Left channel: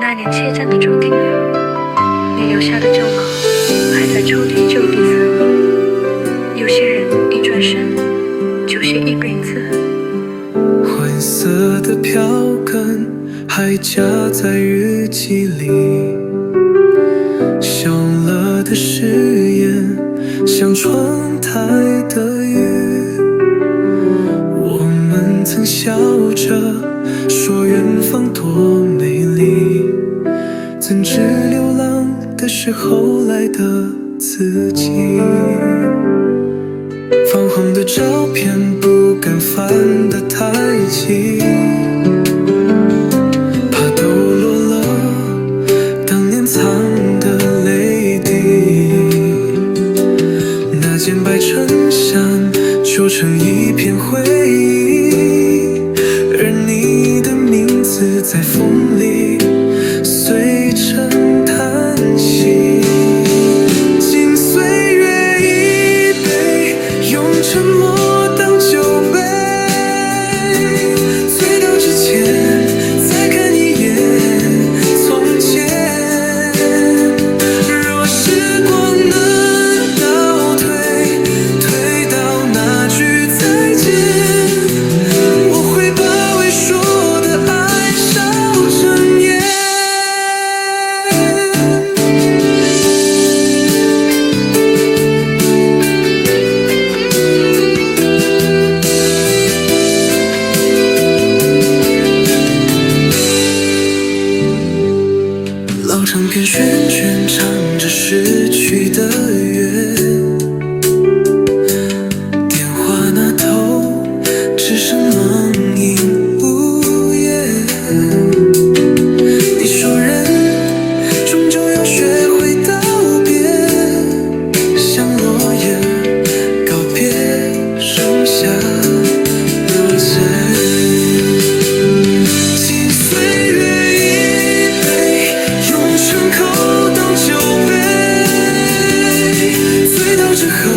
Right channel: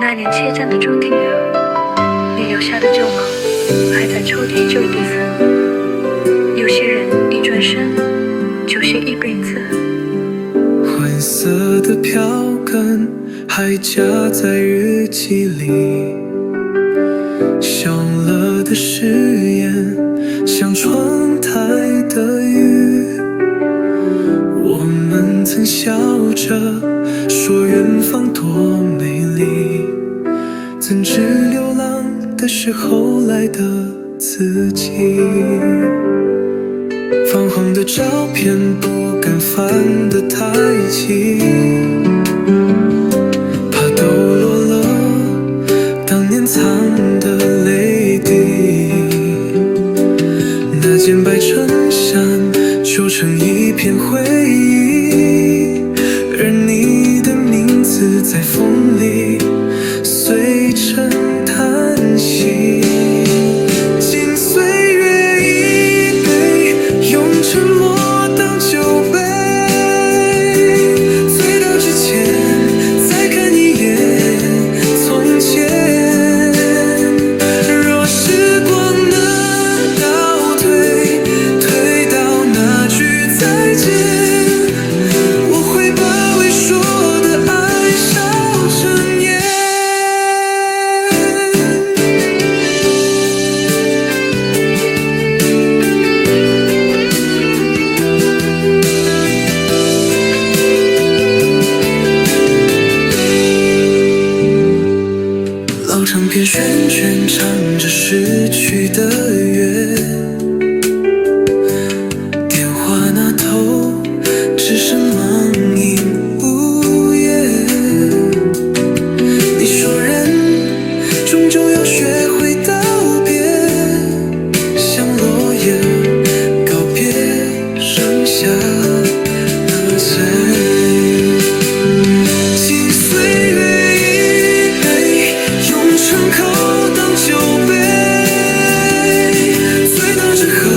那年切站的终点了，你留下的旧稿还在抽屉旧底层。有些人一转身就写一辈子。灰色的票根还夹在日记里，笑了的誓言像窗台的雨。我们曾笑着说远方多美丽，怎知流浪的是后来的自己。泛黄的照片不敢翻得太急，怕抖落了当年藏的泪滴。那件白衬衫旧成一片回忆，而你的名字在风里碎成叹息。经岁月一杯，用沉默当酒杯，醉倒之前再看一眼从前。若时光能倒退，退到那句再见，我会把未说的爱烧成烟。老唱片旋转唱着逝去的乐，电话那头只剩茫影无言。你说人终究要学会道别，像落叶告别剩下的嘴。经岁月一杯，用成口当酒杯，醉倒之后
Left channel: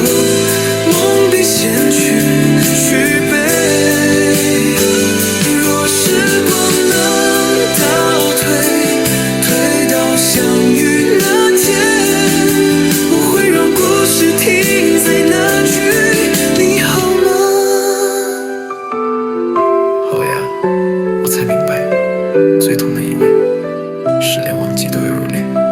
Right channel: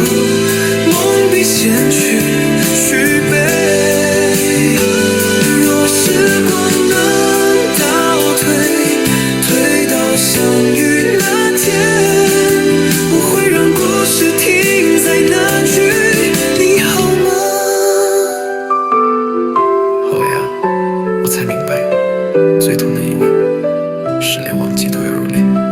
梦比先去续杯。若时光能倒退，退到相遇那天，我会让故事停在那句你好吗。后呀，我才明白，最痛的意外是连忘记都要入殓。